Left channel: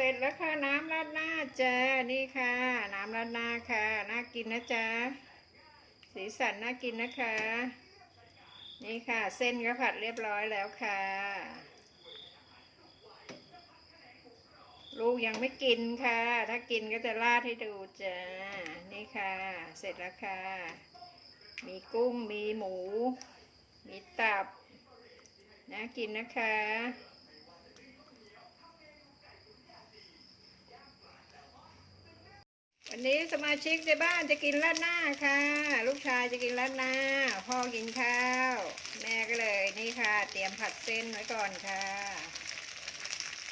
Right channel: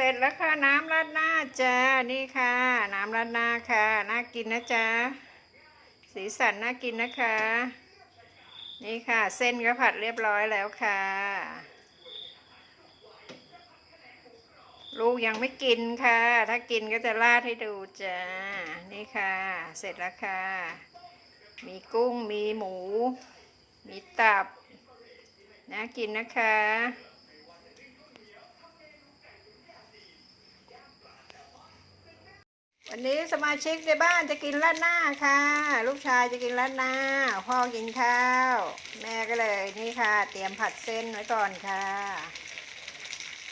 เสร็จแล้วค่ะน้ำราดหน้าจ้านี่ค่ะ น้ำราดหน้าค่ะน่ากินนะจ๊ะสีสันน่ากินนะคะ นี่ค่ะ เส้นก็ผัดเรียบร้อยแล้วค่ะ ลูกยังไม่กินค่ะ ถ้ากินก็จะราดให้ดูจ้านี่ค่ะ เสร็จแล้วค่ะ มีกุ้งมีหมู มีตับน่ากินนะคะ วันนี้สมาชิกในบ้านจะกินราดหน้าค่ะ ลูกชายจะกินราดหน้า พ่อกินข้าว แม่ก็เลยนี่ค่ะ เตรียมผัดเส้นไว้ก่อนค่ะ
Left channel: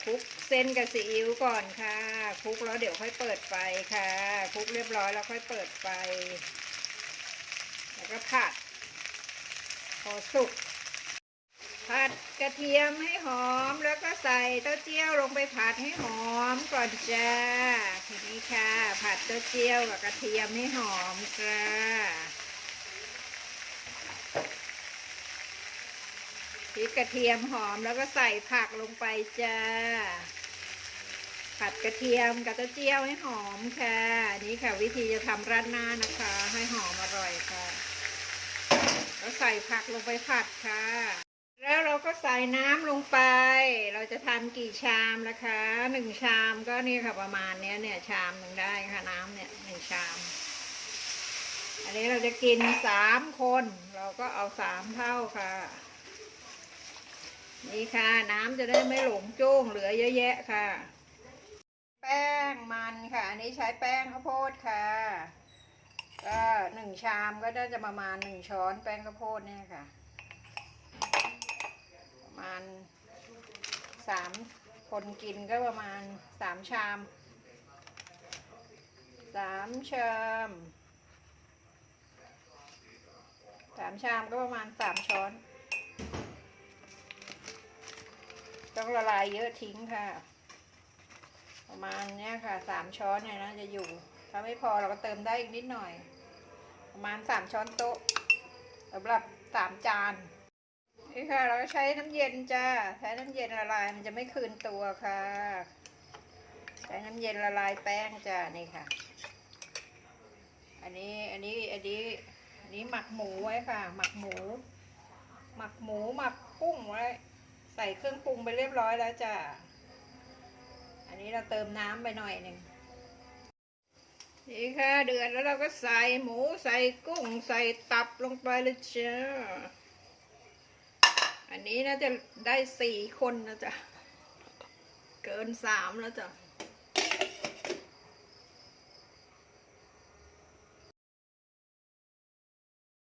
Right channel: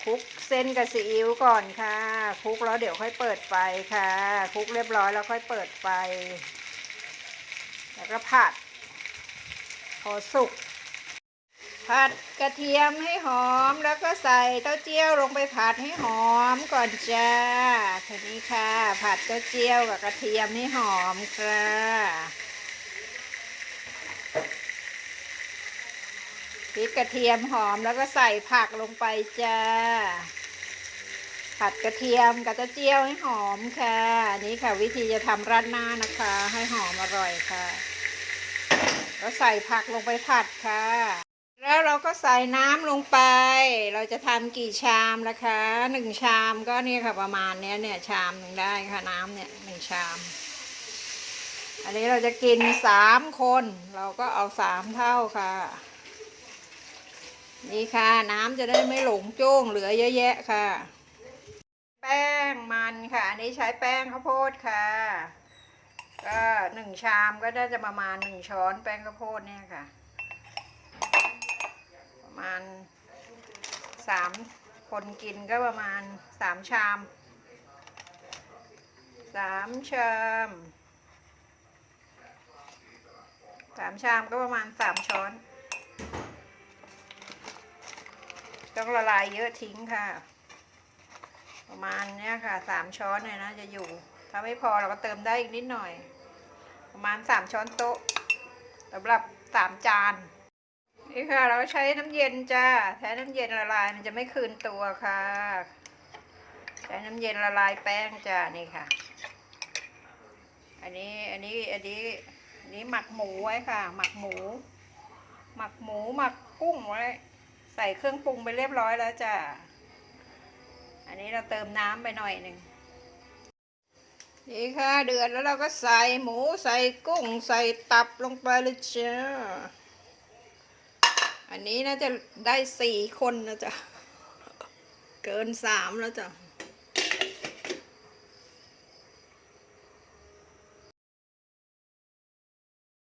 คลุกเส้นกับซีอิ๊วก่อนค่ะคลุกแล้วเดี๋ยวค่อยเปิดไฟค่ะคลุกเรียบร้อยแล้วค่อยเปิดไฟ แล้วก็ผัด พอสุก ผัดกระเทียมให้หอมแล้วก็ใส่เต้าเจี้ยวลงไปผัดให้หอมก่อนจ้าทีนี้ค่ะ ผัดเต้าเจี้ยวกับกระเทียมให้หอมค่ะพริกกระเทียมหอมแล้วก็ใส่ผักลงไปจ้าผัดกระเทียมกับเต้าเจี้ยวให้หอมค่ะนี่ค่ะ วิธีจะทำราดหน้านะคะ ให้หอมอร่อยค่ะ แล้วใส่ผักลงไปผัดค่ะ แล้วเราก็ใส่น้ำลงไป เราจะทำกี่ชามนะคะหนึ่งชามก็นี่ค่ะประมาณเนี้ยเนี่ยชามหนึ่งได้ค่ะน้ำเนี่ยหนึ่งชาม อันนี้เราจะกินสามคน เราก็เอาสามเท่าค่ะ นี่ค่ะน้ำจะได้ไม่หลงจ้งเหลือเยอะแยะค่ะ แป้งมันค่ะ อันนี้ใช้แป้งข้าวโพดค่ะ ก็หนึ่งชามก็น่าจะประมาณหนึ่งช้อนแป้งข้าวโพดเนี่ยค่ะ มาณสามคนกินก็ประมาณสามชามสามชามสามชามก็ประมาณสามช้อน ต้องละลายเยอะทิ้งค่ะ ประมาณเนี้ยค่ะสามช้อนเนี่ยนะจะอยู่ ถ้าไม่พอเราก็เติมได้อีกนิดหน่อย ประมาณสามช้อนโต๊ะสำหรับสามจาน นี่ค่ะ เราก็ใช้น้ำเย็นจ้าใช้น้ำเย็นละลายมันจะไม่คืนตัวค่ะ ใช้น้ำเย็นละลายแป้งจ้านี่ค่ะ อันนี้อันนี้อันนี้อันนี้หมักหมูไว้ค่ะ หมักหมู หมักหมูหมักกุ้งไว้ ใส่เครื่องปรุงไปเรียบร้อยแล้วจ้าอันนี้เราเติมน้ำไปหน่อยหนึ่งนี่ค่ะเดือดแล้วเราก็ใส่หมูใส่กุ้งใส่ตับลงไปเลยจ้า อันนี้น่าจะได้สี่คนนะจ๊ะ เกินสามแล้วจ้ะ